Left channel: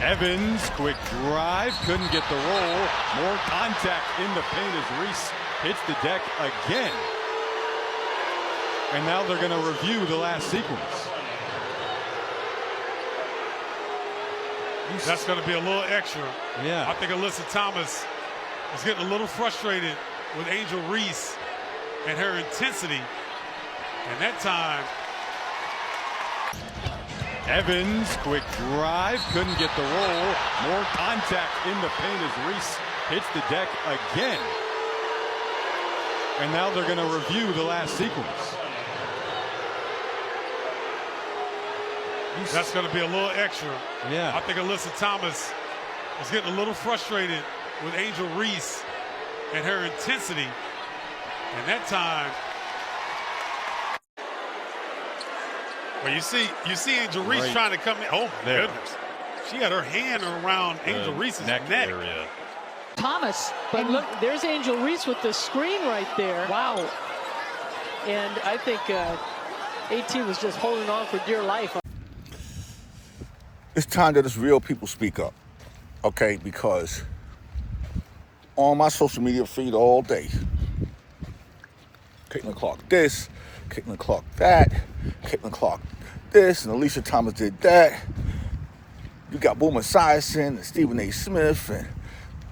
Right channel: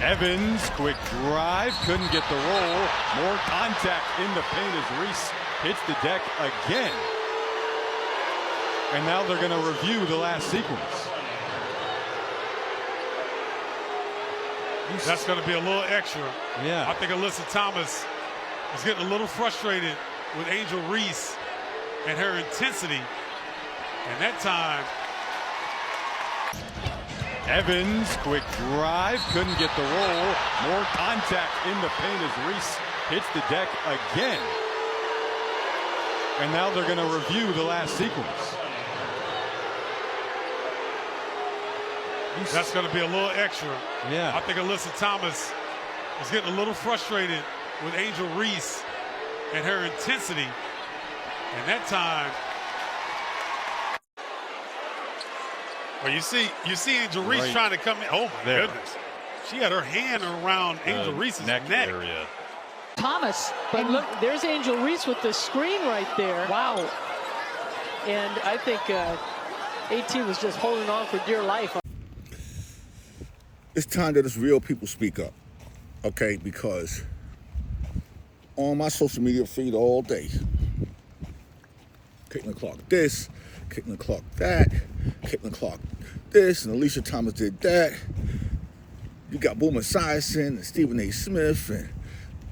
Evans, quick drive, couldn't get the roll. More contact in the paint as Reese hits the deck again. And now they're going to review the last sequence. That's going to be a little extra. Yeah. I think Alyssa Thomas is getting a little frustrated with Angel Reese and her intensity. And that time, Evans, quick drive, couldn't get the roll. More contact in the paint as Reese hits the deck again. And now they're going to review the last sequence. that's going to be a little extra. Yeah. I think Alyssa Thomas is getting a little frustrated with Angel Reese and her intensity. And that time, well, you see Angel Reese Right trying to come in. Oh my there. goodness. She had her hand around Angel Reese's neck. area. Thomas, but look, there's Angel Reese with the screen right there. Wow. And I think AT was just holding on for dear life. It's time that it's real people speak up, okay? Because on my social media feed all day, Caitlin Clark this, Caitlin Clark that, Caitlin Clark this, and Alicia Thomas did that. You got Boomer Esiason and Stephen A. Smith and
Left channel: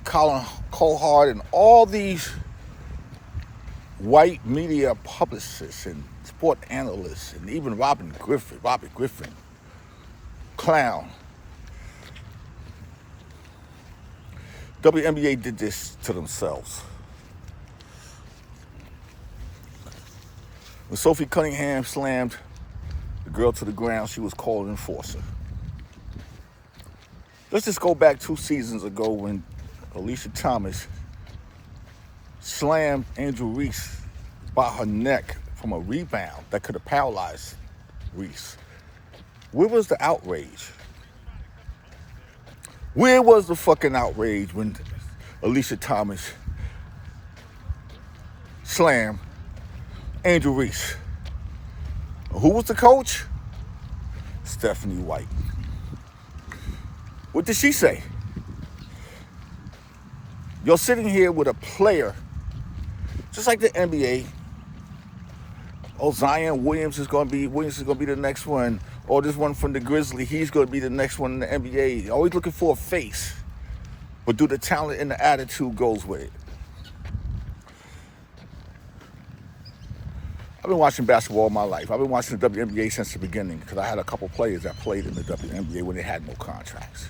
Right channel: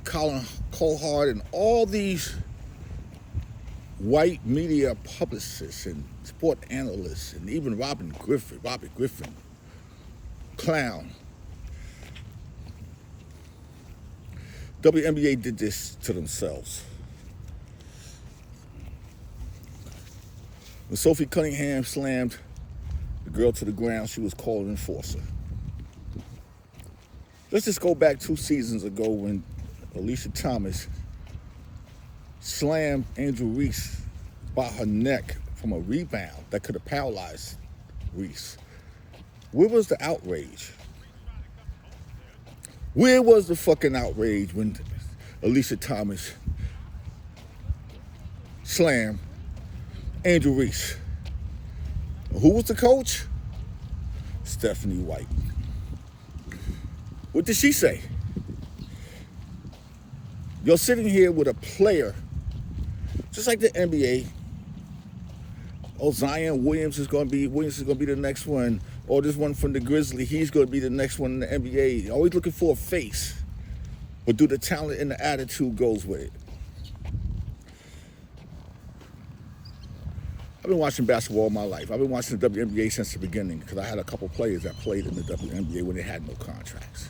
Colin Cohart and all these white media publicists and sport analysts and even Robert Griffin, clown. WNBA did this to themselves. When Sophie Cunningham slammed the girl to the ground, she was called an enforcer. Let's just go back 2 seasons ago when Alicia Thomas slammed Angel Reese by her neck from a rebound that could have paralyzed Reese. Where was the outrage? Where was the fucking outrage when Alicia Thomas slammed Angel Reese? Who was the coach? Stephanie White. What did she say? You're sitting here with a player, just like the NBA. Oh, Zion Williams is going to be the next one. Or this one from the Grizzlies, he's going to be the next one in the NBA. Always looking for a face. But do the talent and the attitude goes with it? I've been watching basketball all my life. I've been watching the WNBA since the beginning because I had a couple players that played in the WNBA when they had no contracts.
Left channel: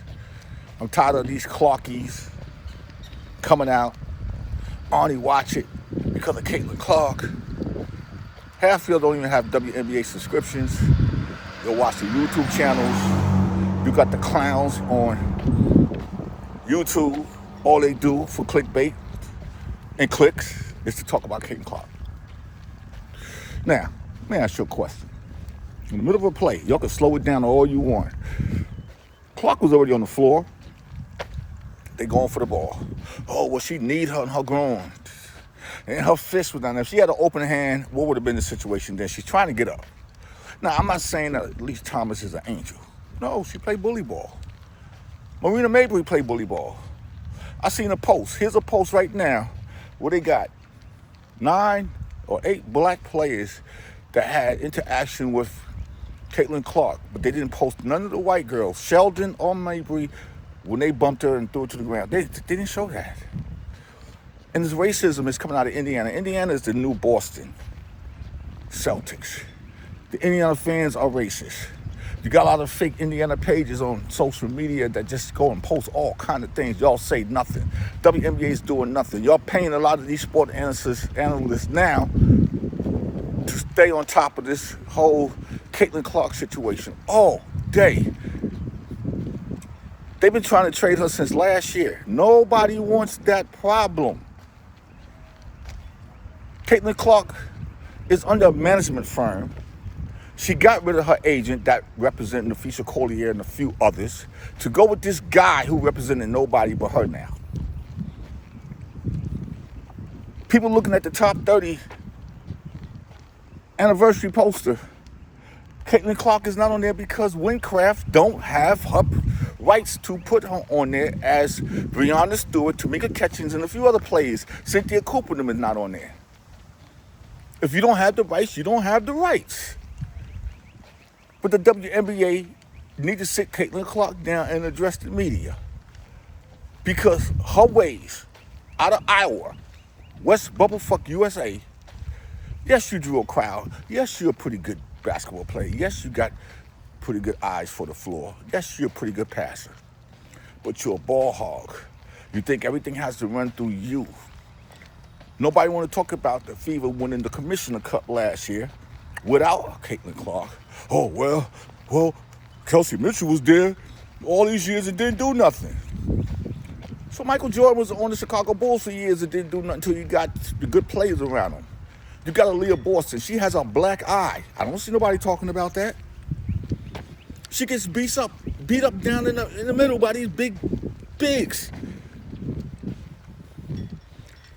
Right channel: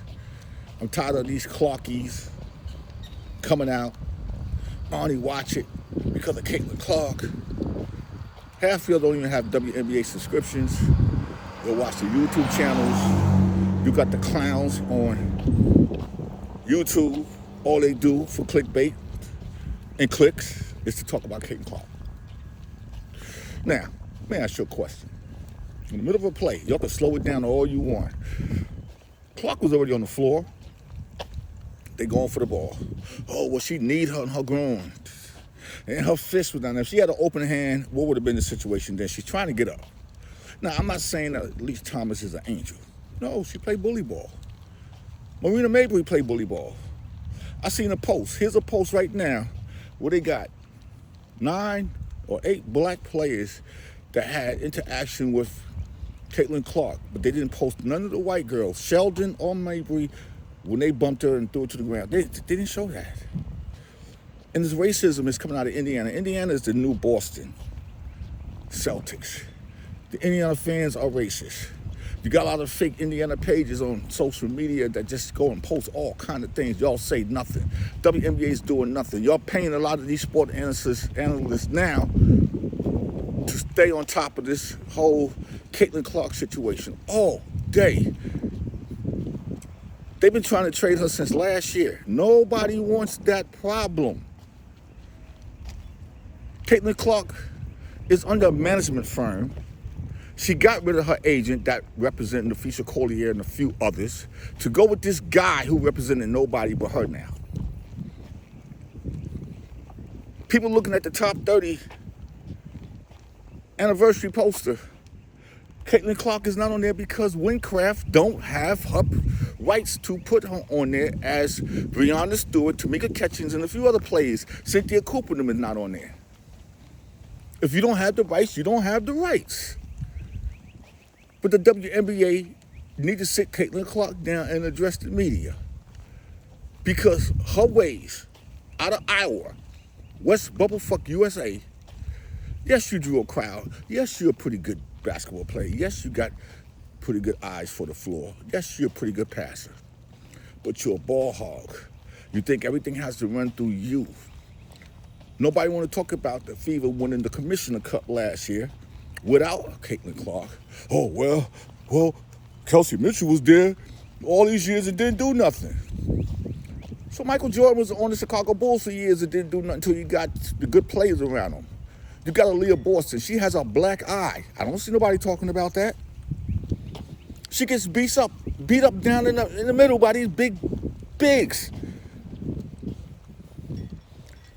I'm tired of these Clarkies coming out. Arnie watch it because of Caitlin Clark. Half y'all don't even have WNBA subscriptions. Go watch the YouTube channels. You got the clowns on YouTube. All they do for clickbait and clicks is to talk about Caitlin Clark. Now, let me ask you a question. In the middle of a play, y'all can slow it down all you want. Clark was already on the floor. They going for the ball. Oh, well, she need her in her groin. And her fist was down there. If she had an open hand, what would have been the situation then? She's trying to get up. Now, I'm not saying that Alicia Thomas is an angel. No, she played bully ball. Marina Mabrey played bully ball. I seen a post. Here's a post right now where they got 9 or 8 black players that had interaction with Caitlin Clark, but they didn't post none of the white girls, Sheldon or Mabrey, when they bumped her and threw her to the ground. They didn't show that. And this racism is coming out of Indiana. Indiana is the new Boston Celtics. The Indiana fans are racist. You got a lot of fake Indiana pages on social media that just go and post all kind of things. Y'all say nothing. WNBA is doing nothing. Y'all paying a lot of these sport analysts now to stay on top of this whole Caitlin Clark situation all day. They've been trying to trade her since last year. Nobody wants that problem. Caitlin Clark is under a management firm. She got rid of her agent that represented Nafisa Collier and a few others to go with this guy who represented nobody but her now. People looking at the top 30 anniversary poster. Caitlin Clark is not on there because Windcraft don't have her rights to put her on there as Breonna Stewart, Tamika Catchings, and a few other players. Cynthia Cooper them is not on there. If you don't have the rights, you don't have the rights. But the WNBA need to sit Caitlin Clark down and address the media. Because her ways out of Iowa, West Bubblefuck USA, yes, you drew a crowd. Yes, you're a pretty good basketball player. Yes, you got pretty good eyes for the floor. Yes, you're a pretty good passer. But you're a ball hog. You think everything has to run through you. Nobody want to talk about the Fever winning the Commissioner Cup last year without Caitlin Clark. Oh, well, Kelsey Mitchell was there all these years and didn't do nothing. So Michael Jordan was on the Chicago Bulls for years and didn't do nothing until you got the good players around him. You got Aaliyah Boston. She has a black eye. I don't see nobody talking about that. She gets beat up down in the middle by these bigs.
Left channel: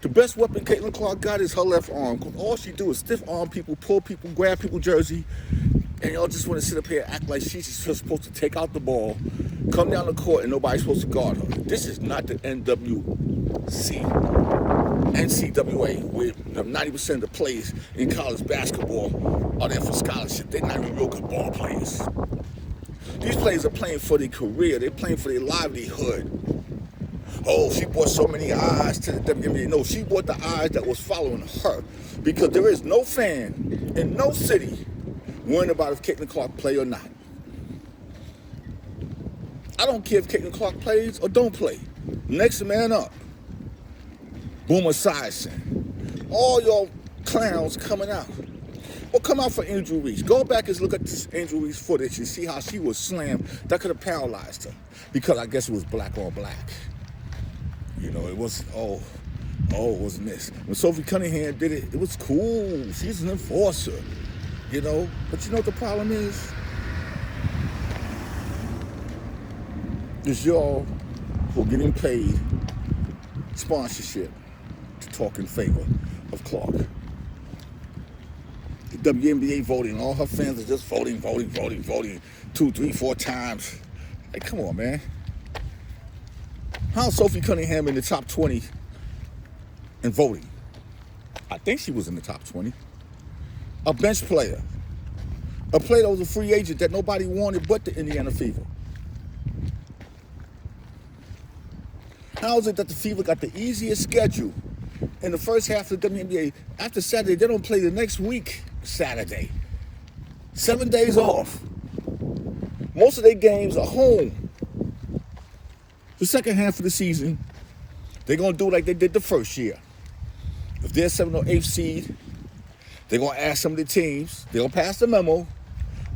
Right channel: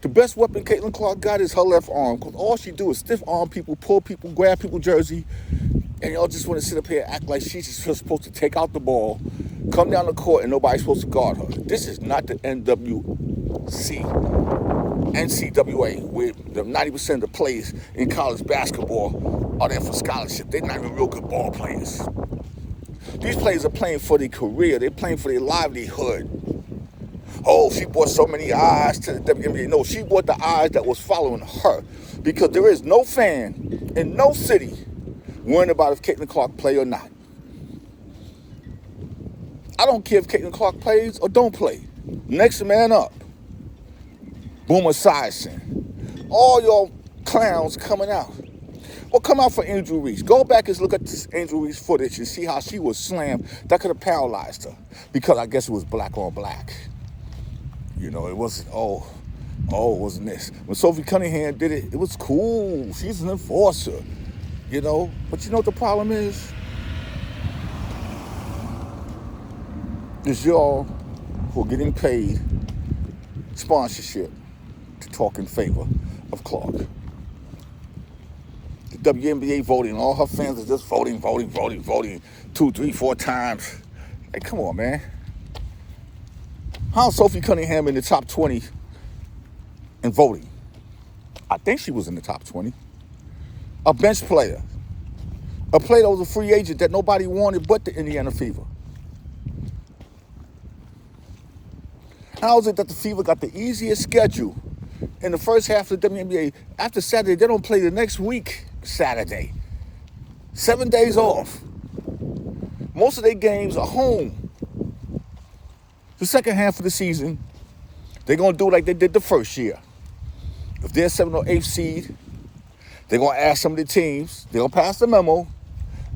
The best weapon Caitlin Clark got is her left arm, because all she do is stiff arm people, pull people, grab people's jersey, and y'all just want to sit up here and act like she's just supposed to take out the ball, come down the court, and nobody's supposed to guard her. This is not the NCAA, where 90% of the players in college basketball are there for scholarship. They're not even real good ball players. These players are playing for their career. They're playing for their livelihood. Oh, she brought so many eyes to the WNBA. No, she brought the eyes that was following her, because there is no fan in no city worrying about if Caitlin Clark play or not. I don't care if Caitlin Clark plays or don't play. Next man up. Boomer Esiason. All y'all clowns coming out. Well, come out for Angel Reese. Go back and look at this Angel Reese footage and see how she was slammed. That could have paralyzed her, because I guess it was black on black. You know, it wasn't, it wasn't this. When Sophie Cunningham did it, it was cool. She's an enforcer, you know. But you know what the problem is? Is y'all who are getting paid sponsorship to talk in favor of Clark. The WNBA voting, all her fans are just voting 2, 3, 4 times. Hey, come on, man. How's Sophie Cunningham in the top 20 in voting? I think she was in the top 20. A bench player. A player that was a free agent that nobody wanted but the Indiana Fever. How is it that the Fever got the easiest schedule in the first half of the WNBA? After Saturday, they don't play the next week, Saturday. 7 days off. Most of their games are home. The second half of the season, they're going to do like they did the first year. If they're 7th or 8th seed, they're going to ask some of the teams, they're going to pass the memo,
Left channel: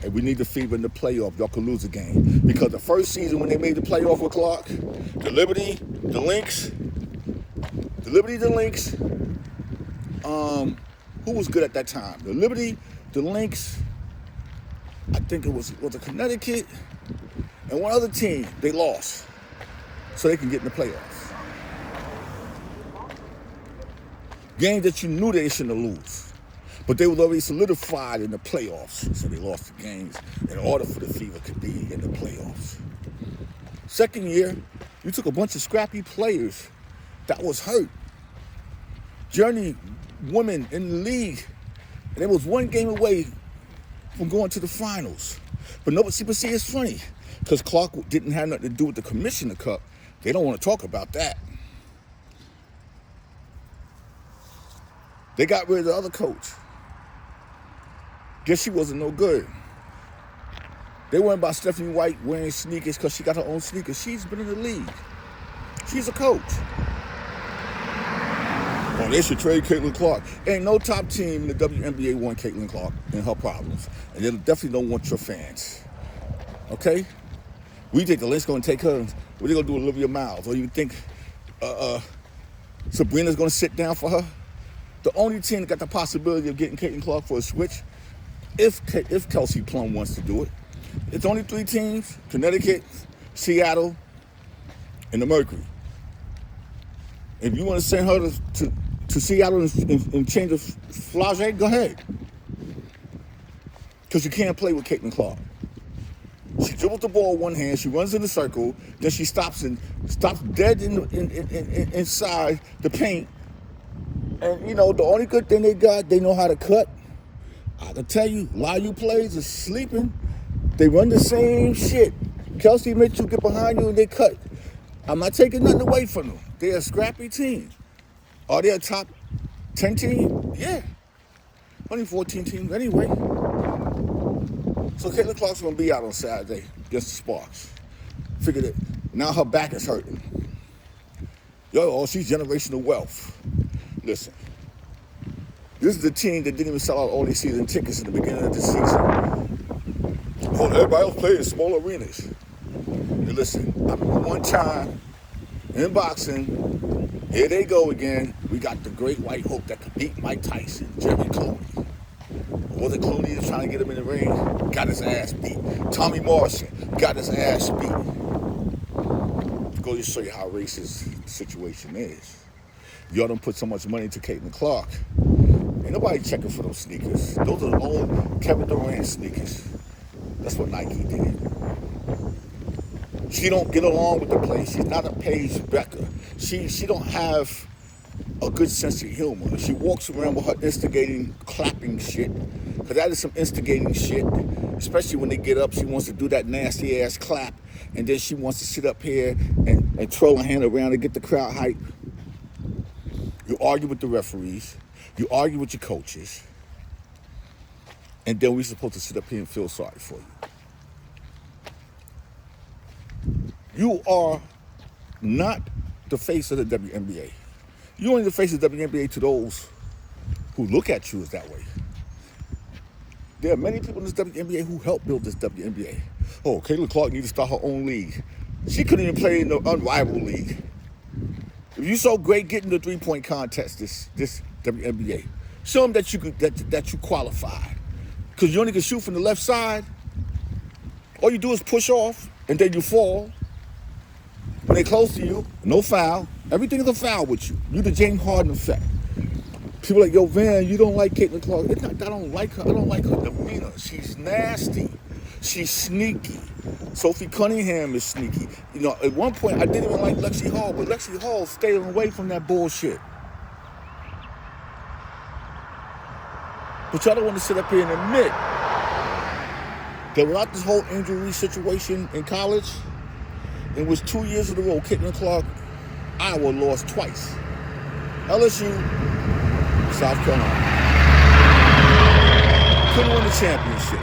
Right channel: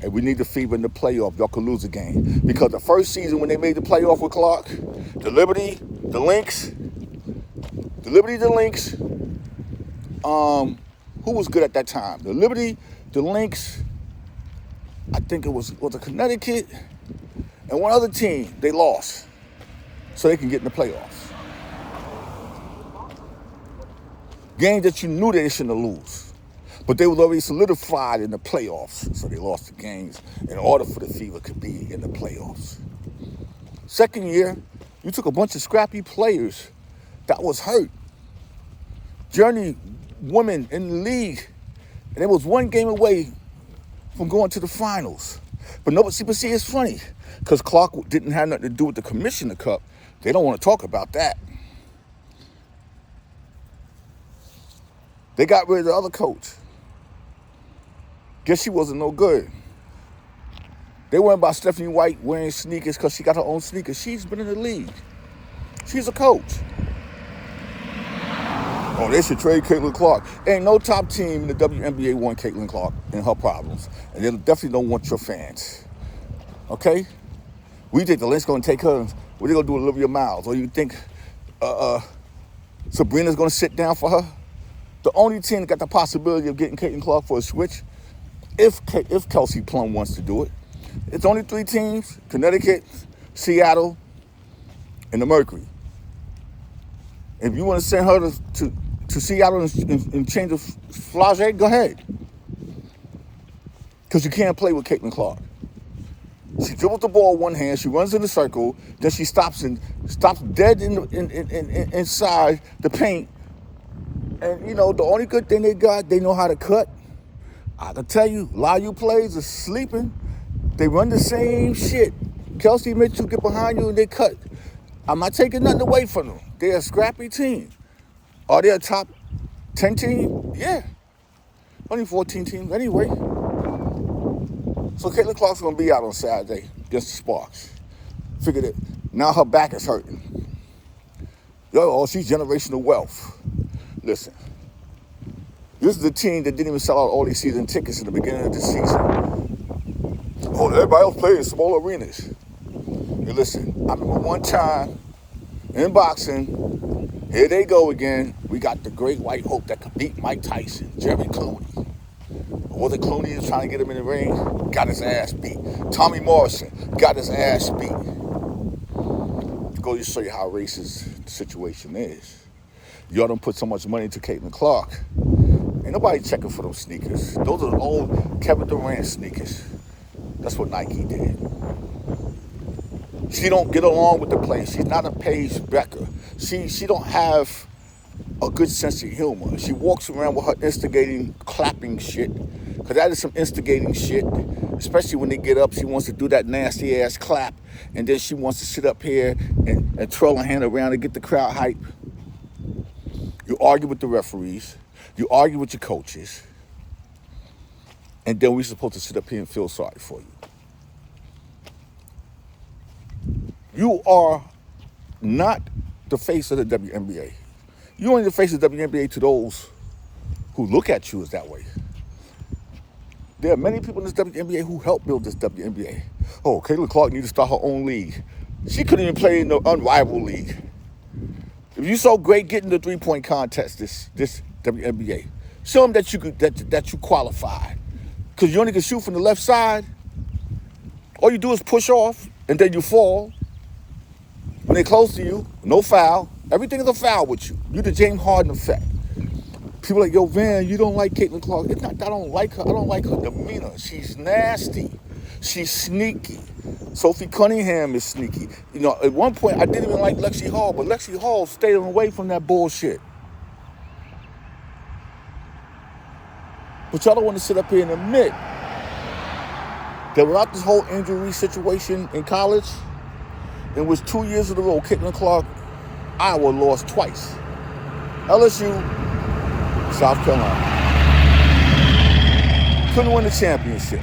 and we need the Fever in the playoff. Y'all could lose a game. Because the first season when they made the playoff with Clark, the Liberty, the Lynx, who was good at that time? The Liberty, the Lynx, I think it was a Connecticut, and one other team, they lost. So they can get in the playoffs. Games that you knew they shouldn't lose. But they was already solidified in the playoffs. So they lost the games in order for the Fever to be in the playoffs. Second year, you took a bunch of scrappy players that was hurt. Journey women in the league. And it was one game away from going to the finals. But see, it's funny. Because Clark didn't have nothing to do with the Commissioner Cup. They don't want to talk about that. They got rid of the other coach. Guess she wasn't no good. They worried about Stephanie White wearing sneakers because she got her own sneakers. She's been in the league. She's a coach. Oh, they should trade Caitlin Clark. Ain't no top team in the WNBA want Caitlin Clark and her problems. And they definitely don't want your fans. Okay? We think the Lynx going to take her. What are they going to do with Olivia Miles? Or you think Sabrina's going to sit down for her? The only team that got the possibility of getting Caitlin Clark for a switch, if Kelsey Plum wants to do it, it's only 3 teams: Connecticut, Seattle, and the Mercury. If you want to send her to Seattle and change the Flage, go ahead. Because you can't play with Caitlin Clark. She dribbles the ball with one hand. She runs in the circle. Then she stops dead inside the paint. And, you know, the only good thing they got, they know how to cut. I can tell you, a lot of you players are sleeping. They run the same shit. Kelsey Mitchell get behind you and they cut. I'm not taking nothing away from them. They're a scrappy team. Are they a top 10 team? Yeah. Only 14 teams anyway. So Caitlin Clark's going to be out on Saturday against the Sparks. Figured it. Now her back is hurting. Yo, she's generational wealth. Listen. This is a team that didn't even sell out all these season tickets in the beginning of the season. Oh, everybody else plays in small arenas. And listen, I remember one time in boxing, here they go again. We got the great white hope that could beat Mike Tyson, Jerry Clooney. Or the Clooney is trying to get him in the ring, got his ass beat. Tommy Morrison got his ass beat. Go to show you how racist the situation is. Y'all don't put so much money into Caitlin Clark. Ain't nobody checking for those sneakers. Those are the old Kevin Durant sneakers. That's what Nike did. She don't get along with the players. She's not a Paige Becker. She don't have a good sense of humor. She walks around with her instigating, clapping shit. Because that is some instigating shit. Especially when they get up, she wants to do that nasty ass clap. And then she wants to sit up here and twirl her hand around and get the crowd hype. You argue with the referees. You argue with your coaches. And then we're supposed to sit up here and feel sorry for you. You are not the face of the WNBA. You're only the face of the WNBA to those who look at you as that way. There are many people in this WNBA who helped build this WNBA. Oh, Caitlin Clark needs to start her own league. She couldn't even play in the unrivaled league. If you're so great getting the three-point contest, this WNBA, show them that you qualify. Because you only can shoot from the left side. All you do is push off, and then you fall. When they're close to you, no foul. Everything is a foul with you. You're the James Harden effect. People are like, yo, Van, you don't like Caitlin Clark. It's not, I don't like her. I don't like her demeanor. She's nasty. She's sneaky. Sophie Cunningham is sneaky. You know, at one point, I didn't even like Lexi Hall, but Lexi Hall stayed away from that bullshit. But y'all don't want to sit up here and admit that without this whole Angel Reese situation in college, it was 2 years in a row, Caitlin Clark, Iowa lost twice. LSU, South Carolina. Couldn't win the championship.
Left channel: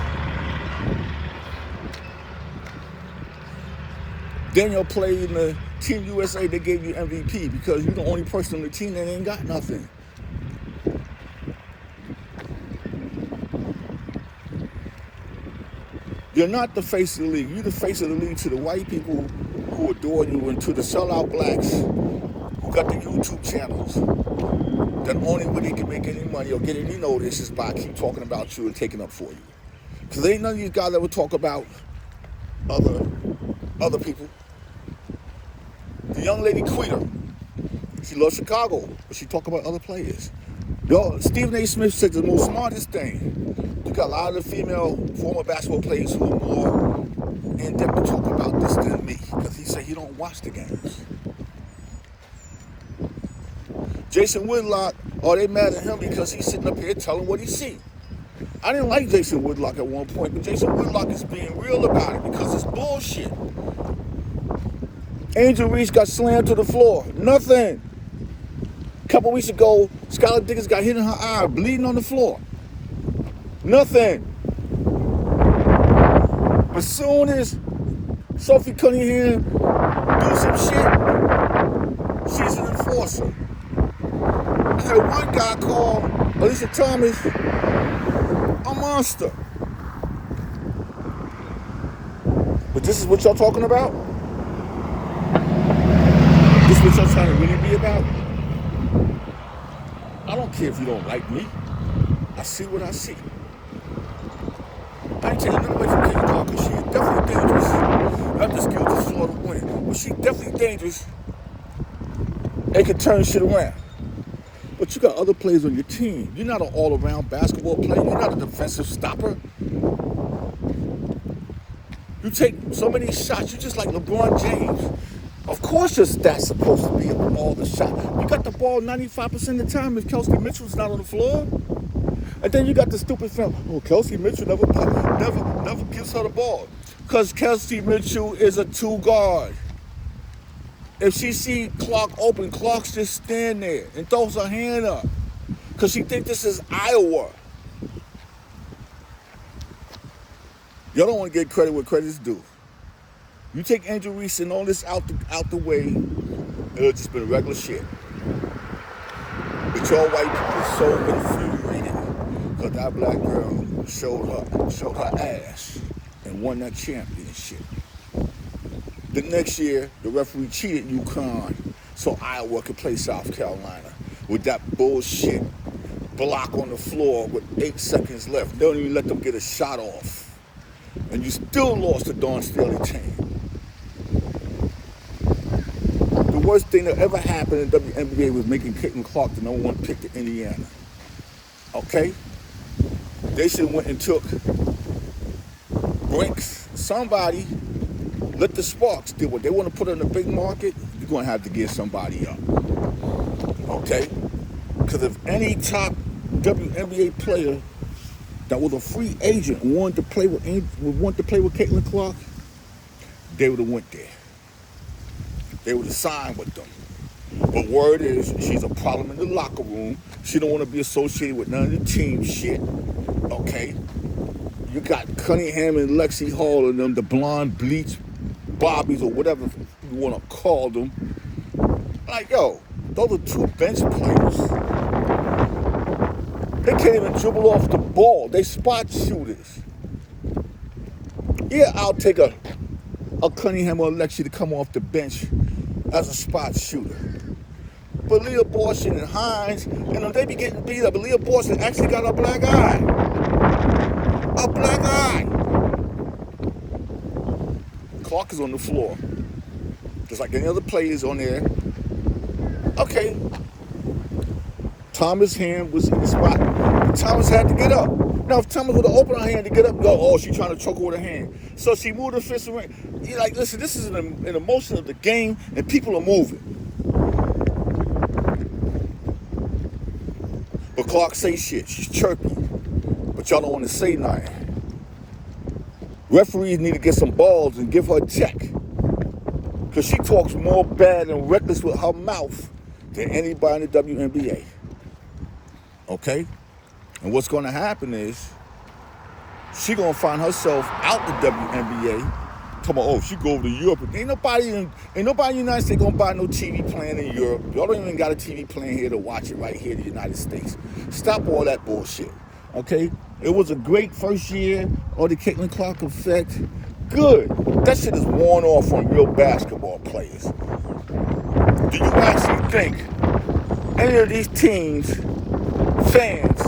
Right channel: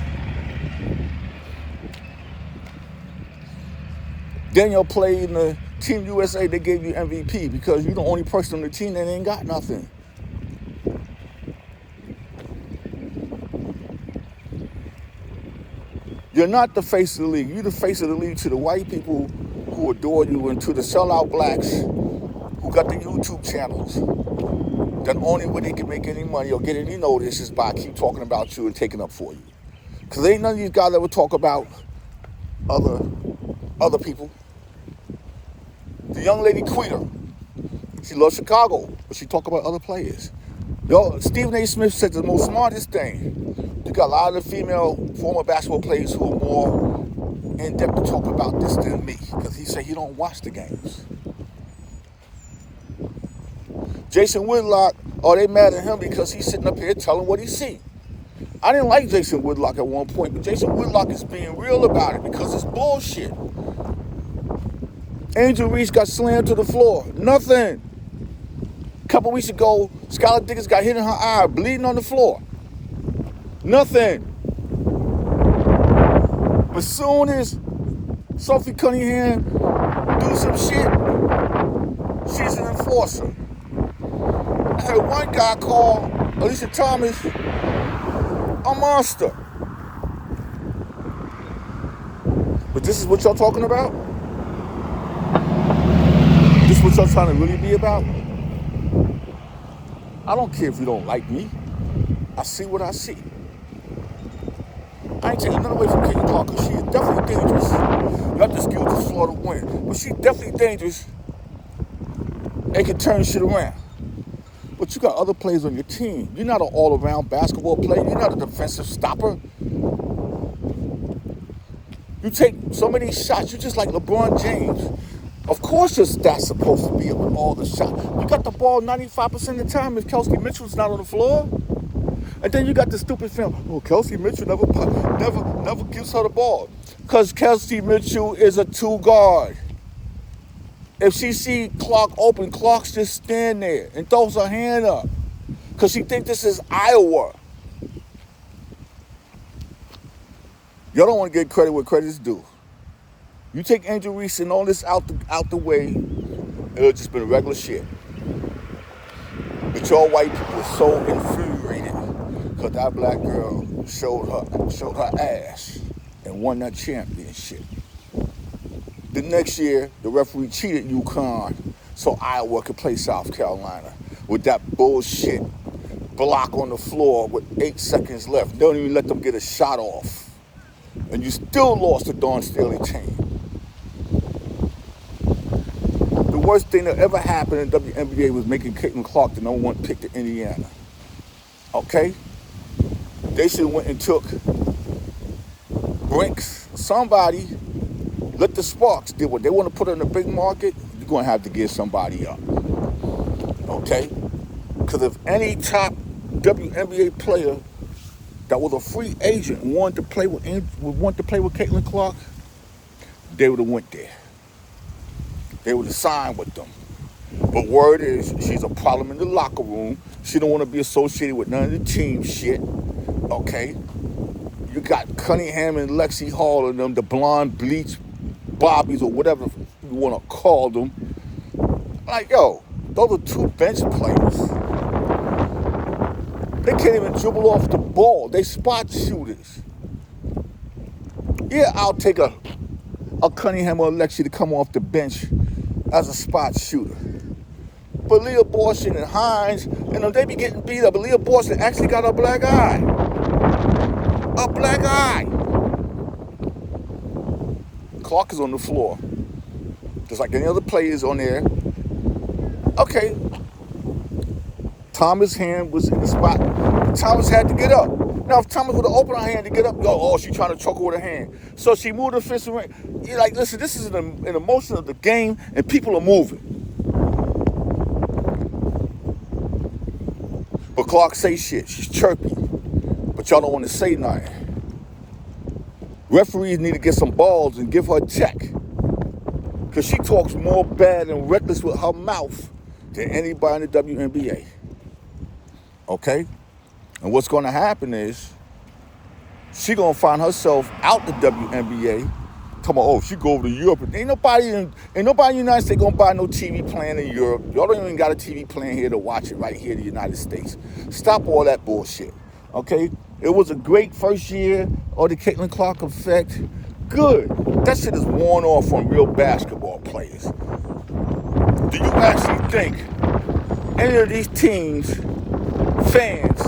Daniel played in the Team USA, they gave you MVP because you're the only person on the team that ain't got nothing. You're not the face of the league. You're the face of the league to the white people who adore you and to the sellout blacks who got the YouTube channels. That only way they can make any money or get any notice is by keep talking about you and taking up for you. Because ain't none of these guys ever talk about other people. The young lady Queer, she loves Chicago, but she talk about other players. Yo, Stephen A. Smith said the most smartest thing. You got a lot of the female former basketball players who are more in depth to talk about this than me, because he said he don't watch the games. Jason Whitlock, are they mad at him because he's sitting up here telling what he seen? I didn't like Jason Whitlock at one point, but Jason Whitlock is being real about it because it's bullshit. Angel Reese got slammed to the floor. Nothing. A couple weeks ago, Skylar Diggins got hit in her eye, bleeding on the floor. Nothing. But soon as Sophie Cunningham do some shit, she's an enforcer. I had one guy called Alicia Thomas a monster. But this is what y'all talking about? This is what y'all trying to really be about? I don't care if you don't like me. I see what I see. I ain't taking nothing away from Caitlin Clark because she is definitely dangerous. Not the skill to sort of win, but she's definitely dangerous and can turn shit around. But you got other players on your team. You're not an all-around basketball player. You're not a defensive stopper. You take so many shots. You're just like LeBron James. Of course your stats supposed to be all the shots. You got the ball 95% of the time if Kelsey Mitchell's not on the floor. And then you got the stupid film. Oh, Kelsey Mitchell never gives her the ball. Because Kelsey Mitchell is a 2 guard. If she see Clark open, Clark's just stand there and throws her hand up. Because she thinks this is Iowa. Y'all don't want to get credit where credit's due. You take Angel Reese and all this out the way, it'll just been regular shit. But y'all white people are so infuriated because that black girl showed her ass and won that championship. The next year, the referee cheated UConn so Iowa could play South Carolina with that bullshit block on the floor with 8 seconds left. They don't even let them get a shot off. And you still lost to Dawn Staley team. The worst thing that ever happened in the WNBA was making Caitlin Clark the #1 pick to Indiana. Okay? They should have went and took Brinks, somebody. Let the Sparks do what they want to put in the big market. You're going to have to give somebody up. Okay? Because if any top WNBA player that was a free agent wanted to play with Caitlin Clark, they would have went there. They would have signed with them. But word is, she's a problem in the locker room. She don't want to be associated with none of the team shit. Okay? You got Cunningham and Lexi Hall and them, the blonde bleach Bobbies or whatever you want to call them. Like, yo, those are 2 bench players. They can't even dribble off the ball. They spot shooters. Yeah, I'll take a Cunningham or a Lexi to come off the bench as a spot shooter. But Leah Borson and Hines, they be getting beat up. But Leah Borson actually got a black eye. A black eye. Clark is on the floor. Just like any other players on there. Okay. Thomas' hand was in the spot. Thomas had to get up. Now, if Thomas would have opened her hand to get up, she's trying to choke her with her hand. So she moved her fist around. You're like, listen, this is an emotion of the game, and people are moving. But Clark say shit. She's chirpy. But y'all don't want to say nothing. Referees need to get some balls and give her a check. Because she talks more bad and reckless with her mouth than anybody in the WNBA. Okay? And what's going to happen is she's going to find herself out the WNBA. Come on, she go over to Europe. Ain't nobody in the United States going to buy no TV plan in Europe. Y'all don't even got a TV plan here to watch it right here in the United States. Stop all that bullshit. Okay? It was a great first year of the Caitlin Clark effect. Good. That shit is worn off on real basketball players. Do you actually think any of these teams, fans,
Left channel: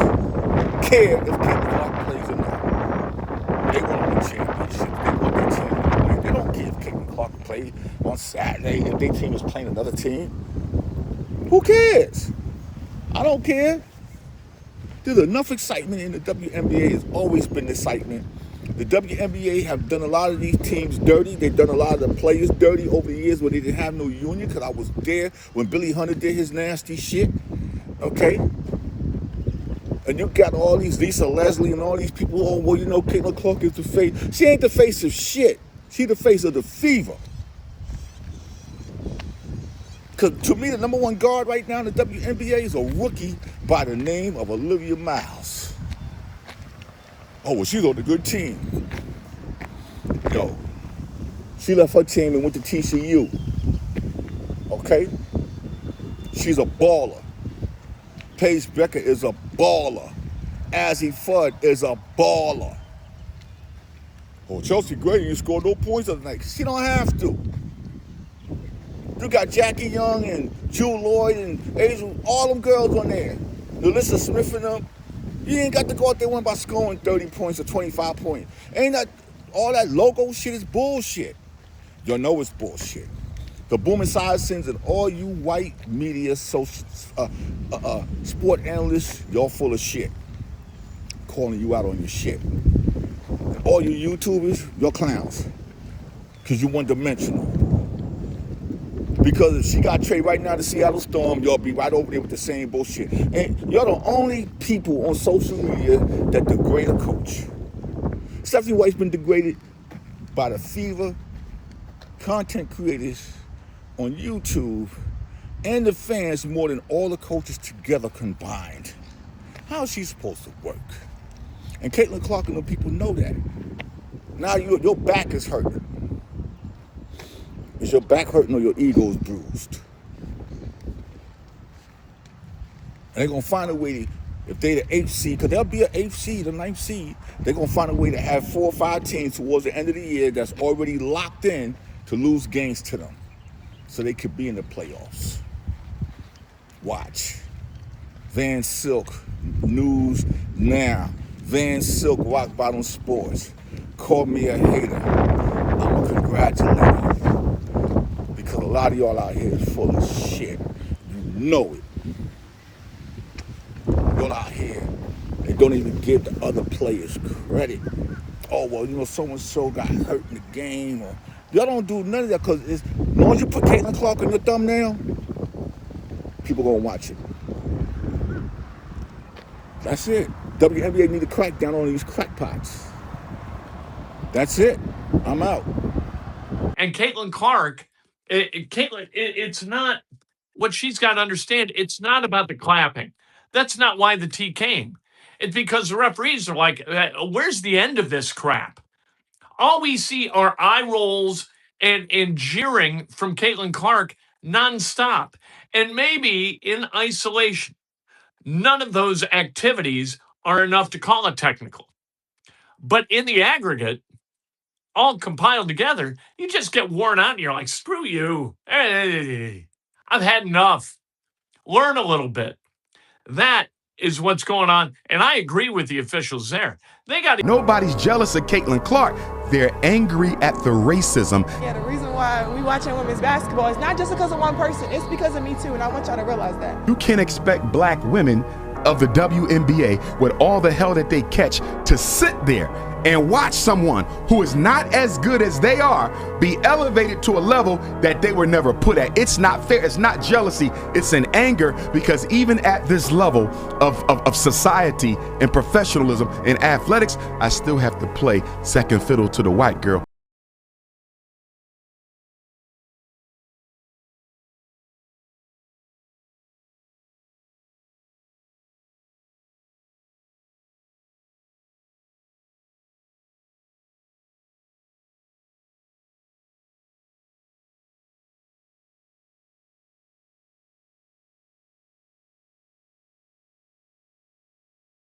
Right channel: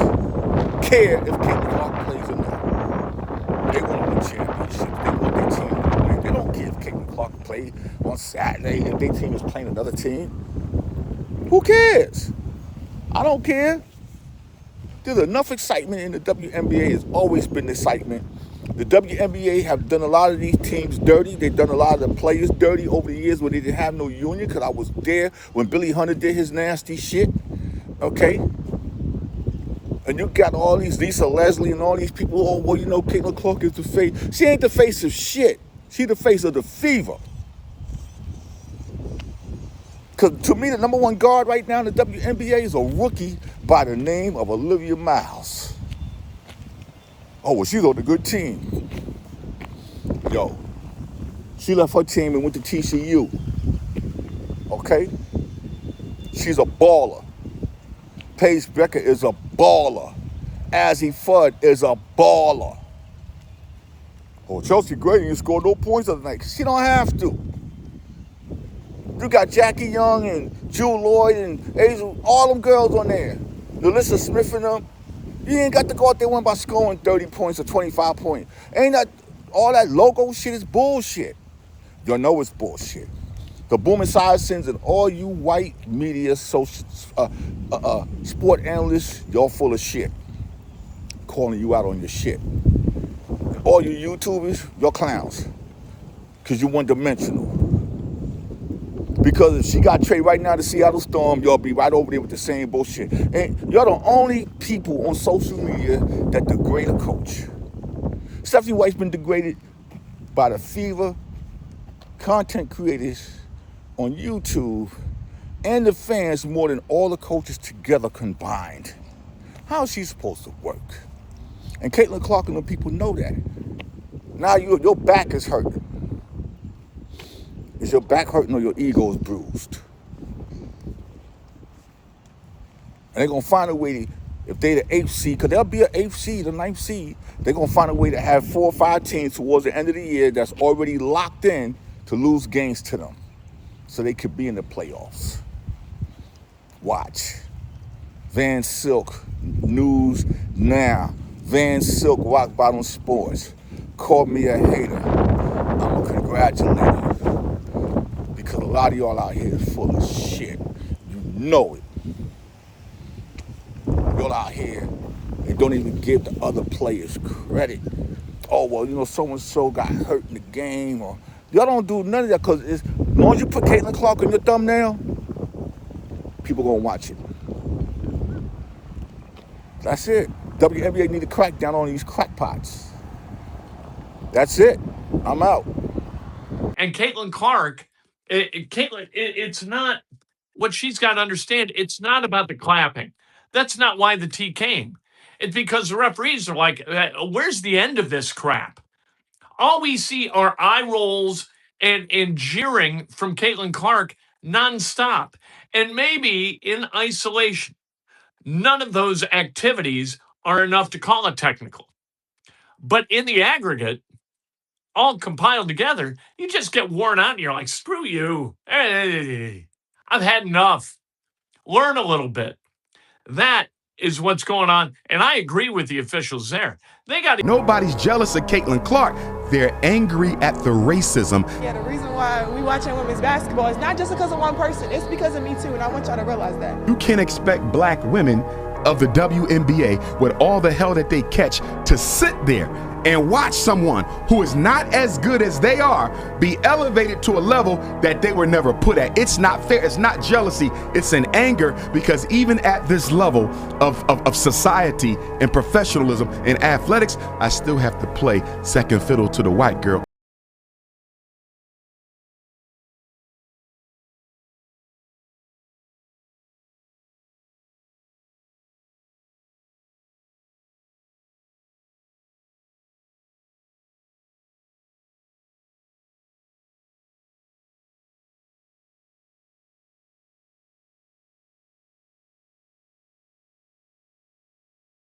care if Caitlin Clark plays or not? They want to win championship. They don't care if Caitlin Clark plays on Saturday if their team is playing another team. Who cares? I don't care. There's enough excitement in the WNBA. There's always been excitement. The WNBA have done a lot of these teams dirty. They've done a lot of the players dirty over the years when they didn't have no union, because I was there when Billy Hunter did his nasty shit. Okay? And you got all these Lisa Leslie and all these people, Caitlin Clark is the face. She ain't the face of shit. She's the face of the fever. Because to me, the #1 guard right now in the WNBA is a rookie by the name of Olivia Miles. Oh, well, she's on a good team. Yo, she left her team and went to TCU. Okay? She's a baller. Paige Becker is a baller. Azzy Fudd is a baller. Oh, Chelsea Gray didn't score no points the other night. She don't have to. You got Jackie Young and Jewel Lloyd and Angel, all them girls on there. Melissa Smith and them. You ain't got to go out there by scoring 30 points or 25 points. Ain't that all that logo shit is bullshit. Y'all know it's bullshit. The Booming Science and all you white media, sport analysts, y'all full of shit. Calling you out on your shit. All you YouTubers, you're clowns. because you're one-dimensional. Because if she got traded right now to Seattle Storm, y'all be right over there with the same bullshit. And y'all the only people on social media that degrade a coach. Stephanie White's been degraded by the Fever, content creators on YouTube, and the fans more than all the coaches together combined. How is she supposed to work? And Caitlin Clark and the people know that. Now your back is hurting. Is your back hurting or your ego is bruised? And they're going to find a way, if they're the 8th seed, because they'll be an 8th seed, a 9th seed, they're going to find a way to have 4 or 5 teams towards the end of the year that's already locked in to lose games to them so they could be in the playoffs. Watch. Van Silk, News Now. Van Silk, Rock Bottom Sports. Called me a hater. I'm going to congratulate you. Because a lot of y'all out here is full of shit. You know it. Y'all out here, they don't even give the other players credit. Oh, well, you know, so-and-so got hurt in the game. Or y'all don't do none of that because as long as you put Caitlin Clark on your thumbnail, people going to watch it. That's it. WNBA need to crack down on these crackpots. That's it. I'm out. And Caitlin Clark, it's not what she's got to understand. It's not about the clapping. That's not why the T came. It's because the referees are like, where's the end of this crap? All we see are eye rolls and jeering from Caitlin Clark nonstop. And maybe in isolation, none of those activities are enough to call it technical. But in the aggregate, all compiled together, you just get worn out and you're like, screw you. Hey, I've had enough. Learn a little bit. That is what's going on. And I agree with the officials there. They got to. Nobody's jealous of Caitlin Clark. They're angry at the racism. Yeah, the reason why we watching women's basketball is not just because of one person. It's because of me too. And I want y'all to realize that. You can't expect black women of the WNBA with all the hell that they catch to sit there and watch someone who is not as good as they are be elevated to a level that they were never put at. It's not fair. It's not jealousy. It's an anger because even at this level of society and professionalism in athletics, I still have to play second fiddle to the white girl.